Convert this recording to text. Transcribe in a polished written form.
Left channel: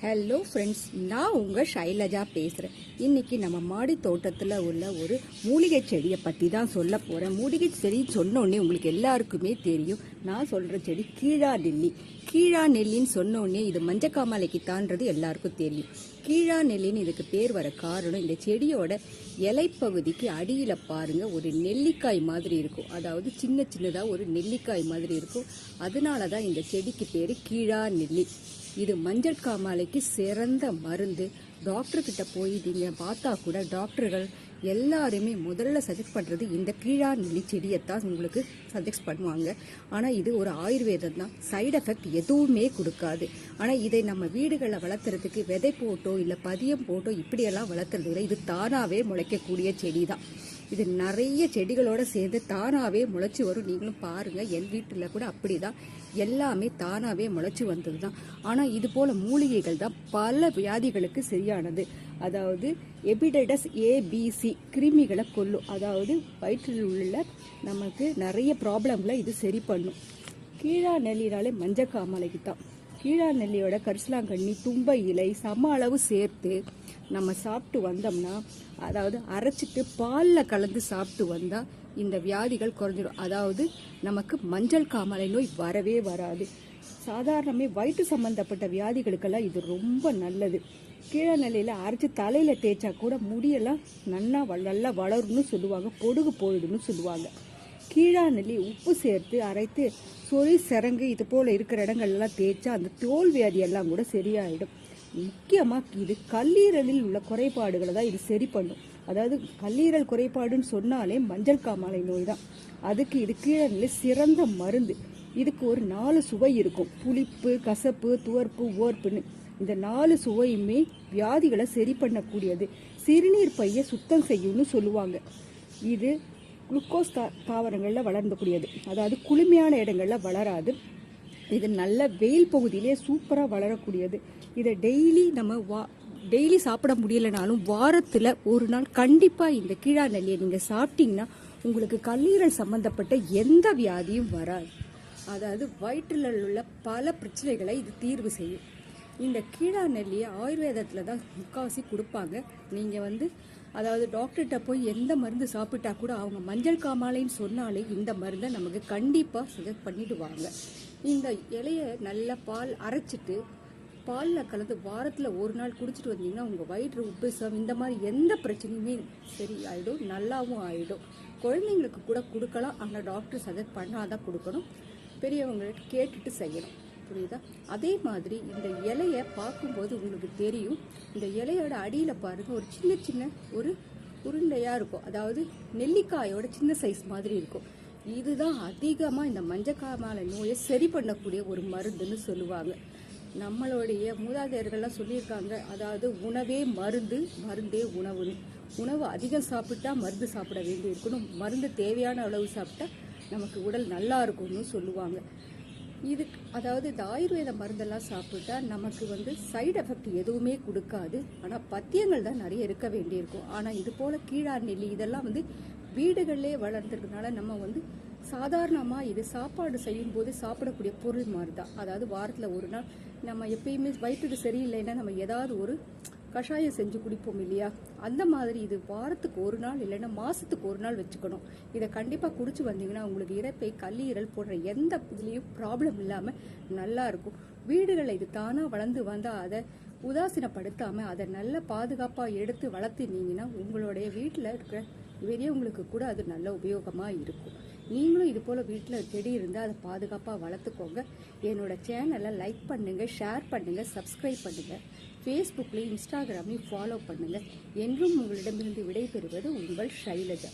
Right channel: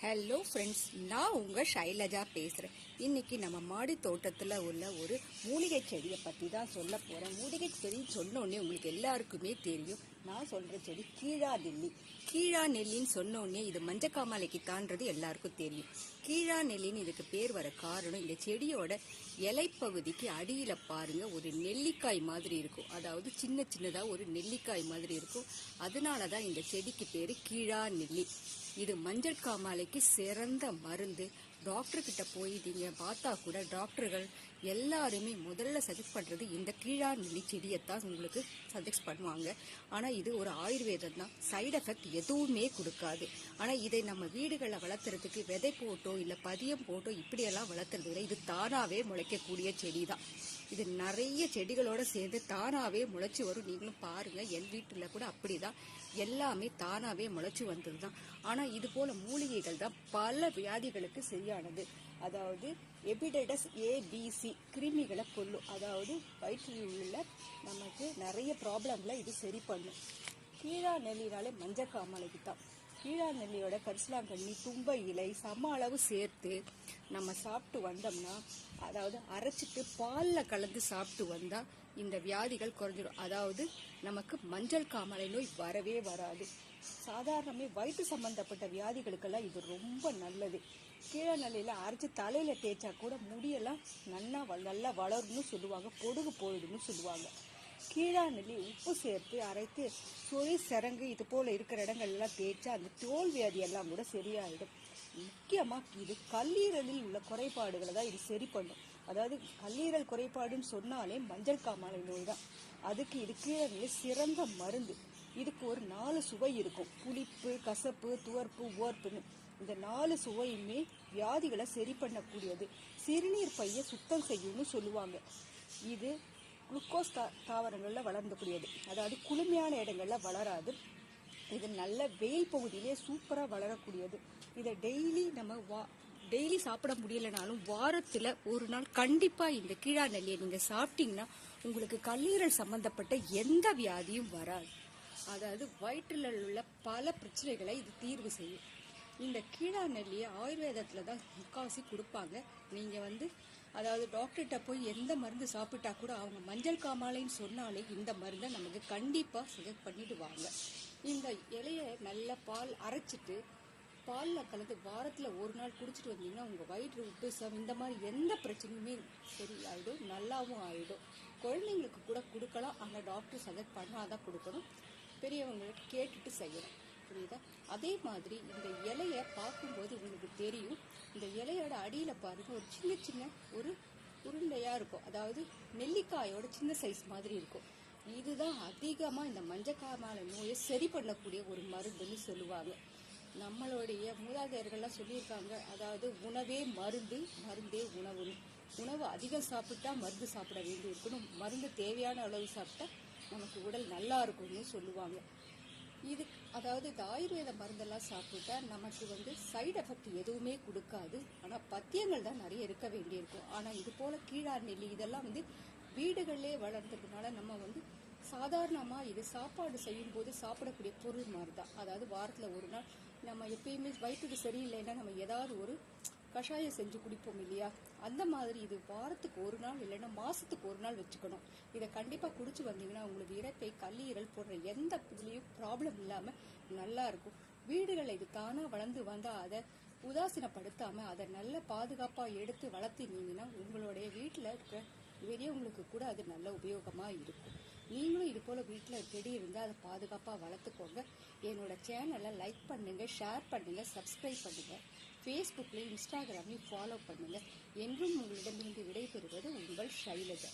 Hello friends, நான் உங்கள் ஷைலஜா பேசுகிறேன். இன்னைக்கு நம்ம மாடி தோட்டத்தில் உள்ள ஒரு மூலிகை செடியை பற்றி தான் சொல்ல போகிறேன். மூலிகை செடி சொன்னோடனே உங்களுக்கு எல்லாருக்குமே தெரியும். நான் சொல்கிற செடி கீழா நெல்லி. கீழா நெல்லின்னு சொன்னோடனே இது மஞ்சக்காமலைக்கு தான்றது எல்லாருக்கும் தெரியும். கீழா நெல்லின்னு இதுக்கு பேர் வர காரணம், இந்த செடியோட இலைப்பகுதிக்கு அடியில் பாருங்கள் ஒரு நெல்லிக்காய் மாதிரி இருக்கும். அதாவது சின்ன சின்னதாக ஒரு நெல்லிக்காய் மாதிரி இருக்கும். அதனால தான் இந்த செடிக்கு பேர் கீழா நெல்லி. இது மஞ்சள் காமாலைக்கு சிறந்த மருந்து. டாக்டர் கிட்ட போய் நீங்க பார்த்தா கூட டாக்டர்கள் எல்லாருமே முதல்ல சஜெஸ்ட் பண்றது இந்த கீழா நெல்லி செடியைத்தான் உங்களுக்கு சஜெஸ்ட் பண்ணுவாங்க. ஆனா இது ஒரு ஆயுர்வேதம் தான், சைடு எஃபெக்ட் எதுவுமே கொடுக்காது. ஆனா இதை நம்ம வீடுகளில் வளர்த்துறதுக்கு விதை போட்டோ இல்ல பதியம் போட்டோ இப்படியெல்லாம் வளர்த்துறது இது தானாவே முளைக்கக்கூடிய செடி தான். இது நிறைய செடிகளோட சேர்ந்து தானாவே முளைச்சி வரும். நீங்களும் பாருங்க, என் வீட்டுல கூட அப்படிதான், எல்லாமே தானாவே முளைச்சி வந்தது தான். ஆனா இது போல மூலிகைகள் தான் பல வியாதிகளுக்கு சரியானது. அதாவது எபிடெடஸ் ஏபிசி கிருமிகளை கொல்லும். அதாவது வயிற்றில் உள்ள நமக்கு நிறைய ப்ராப்ளம்ல இது சரி பண்ணும். கீழா நெல்லினாலே மஞ்சக்காமலைக்கு தான். கீழா நெல்லியோட கரிசலாங்கண்ணி, தும்பை இலை சம அளவு சேர்த்து நம்ம சாப்பிட்டு வந்தோம்னா, அதாவது அரைச்சிட்டு பாலில் கலந்து சாப்பிட்டு வந்தா இந்த வியாதிகள் குறைஞ்சிடும். அதாவது நமக்கு மஞ்சள் காமாலை நோய் வரவே வராது. சாதாரணமே வயிற்று சம்பந்தப்பட்ட வியாதிகளுக்கெல்லாம் இது ரொம்ப நல்லது. கீழ நிலையில அரைச்சி தலையில தேய்ச்சா கூட முடியெல்லாம் நல்லா வளரும்னு சொல்லுவாங்க, பொடுகு போயிடுன்னு சொல்லுவாங்க. கீழா நெல்லி உப்பு சேர்த்து அரைத்து சொறி சிறங்கு இது போல இருக்கிற இடங்கள்லாம் தேய்ச்சா அந்த தோல் வியாதி எல்லாம் கூட சரியாயிடும். முக்கியமா இது கல்லீரலில் உள்ள குறைபாடுகளை தான் இது சரி பண்ணும். அதாவது கல்லீரல் குறைபாடுன்னு சொன்னாலே மஞ்சள் காமாலை நோய் தான். அதுக்கு இது கீழா நெல்லி சிறந்த மருந்து. இதுக்கு ஒரு 4 சுவை இருக்கும்: புளிப்பு, கசப்பு, துவர்ப்பு, ஓர்ப்புன்னு. இந்த 4 சுவையுமே வியாதிகளை சரி பண்ணக்கூடியது. சிறுநீர் பைய சுத்தம் செய்யும்னு சொல்லுவாங்க. இது குளுக்கோஸ் தாவரங்கள்ல வளர்ந்தக்கூடியது. அதாவது குளுமையான இடங்கள்ல வளராது. இது நல்ல வெயில் பகுதியிலே சூப்பரா வளரக்கூடியது. இதை டெய்லி சாப்பிட முடியலனாலும் வாரத்துல ஒரு நாள் கண்டிப்பா இந்த கீழா நெல்லியை நீங்க சாப்பிட்டீங்கன்னா உங்களுக்கு கல்லீரல் சம்பந்தப்பட்ட எந்த வியாதியும் வராது. அதாவது வயிற்றில் உள்ள பல பிரச்சனைகளை இது தீர்வு செய்யும். இந்த கீழா நெல்லியை ஆயுர்வேதத்துல தான் முக்காவாசி கொடுப்பாங்க. நீங்க அதாவது டாக்டர்கிட்ட போய் எந்த மருந்து சாப்பிட்டா கூட அவங்க மஞ்சள் காமாலைன்னு சொன்னாலே இந்த மருந்தை நமக்கு கண்டிப்பா சஜெஸ்ட் பண்ணிடுவாங்க. இந்த இலைய நல்லா பால் அரைச்சிட்டு பாலில் கலந்து வாரத்தில் ஒரு நாள் குடிச்சிட்டு வந்தீங்கன்னா உங்கள் வயிற்று உப்புசம் இந்த மாதிரி எந்த பிரச்சனையுமே சரி ஆகிடும், நல்லாவும் ஆகிடும். குழந்தைங்களுக்கு கூட கொடுக்கலாம், ஆனால் டாக்டர் சஜெஸ்ட் பண்ணாதான் கொடுக்கணும். பெரியவங்களுக்கு கேட்டுட்டு செய்யணும், புரியுதா? அதே மாதிரி இந்த இலைய பார்க்கும்போது உங்களுக்கு தெரியும், இந்த இலையோட அடியில் பாருங்க ஒரு சின்ன சின்ன ஒரு உருண்டையாக இருக்கும். அதாவது நெல்லிக்காயோட சின்ன சைஸ் மாதிரி இருக்கும். இதுதான் அதிகமாக இந்த மஞ்சக்காமாலை நோயை சரி பண்ணக்கூடிய ஒரு மருந்துன்னு சொல்லுவாங்க. நம்மளுடைய மூதாதையர்கள்லாம் சொல்லியிருக்காங்க, அதாவது உணவே மருந்து, மருந்தே உணவுன்னு. உணவு அதிகம் சாப்பிட்டா மருந்து சாப்பிட வேண்டி இருக்கணும், மருந்து தேவையான அளவு சாப்பிட்டா நமக்கு உடல் நல்லா இருக்கும்னு சொல்லுவாங்க. அதாவது இந்த ஆயுர்வேத மருந்தெல்லாம் சாப்பிட்டா நமக்கு சைடு எஃபெக்ட் எதுவுமே கொடுக்காது. ஆனால் பத்தியங்கள் தான் நிறைய இருக்க வேண்டியிருக்கும். ஆனால் இது போல கீழா நெல்லி இதெல்லாம் வீடுகளிலே வளர்ந்துருக்கனால நம்ம சாதாரணமா இது சாப்பாடு செய்யும் போது சாப்பிடக்கூடிய பொருள் மாதிரி தான். அதாவது வாரத்துல ஒரு நாள் நம்ம எப்பயுமே வயிற்றுக்கு சரியில்லைன்னா நம்ம ஏதாவது ஒரு கஷாயம் செஞ்சு குடிப்போம் இல்லையா, அந்த மாதிரி இது வாரத்துக்கு ஒரு நாள் இல்லைன்னா மாசத்துக்கு ஒரு நாள் வச்சுக்கணும். இதை கண்டிப்பா குடிச்சு வந்தீங்கன்னா உங்களுக்கு இரைப்பை, கல்லீரல் போன்ற எந்த இதுலயும் ப்ராப்ளம் இல்லாம நல்லா இருக்கும். வீடுகளில் இது தானா வளர்ந்து வந்தா அதை உதாசீனப்படுத்தாம அதை நல்ல பாதுகாப்பா எடுத்து வளர்த்தினீங்கன்னா உங்களுடைய வீட்டுல இருக்கிற பெரியவங்களுக்கு கூட அது நல்ல உபயோகமா இருக்கும். நீங்களும் இது போல வீட்டுல செடி இருந்தா அதை பாதுகாப்பா வளர்த்துக்கோங்க. என்னோட சேனலை லைக் பண்ணுங்க, ஷேர் பண்ணுங்க, சப்ஸ்கிரைப் பண்ணுங்க. ஃபேஸ்புக்லயும் இன்ஸ்டாகிராமையும் ஃபாலோ பண்ணுங்க. என்றும் உங்களிடமிருந்து விடைபெறுவது உங்கள் ஷைலஜா.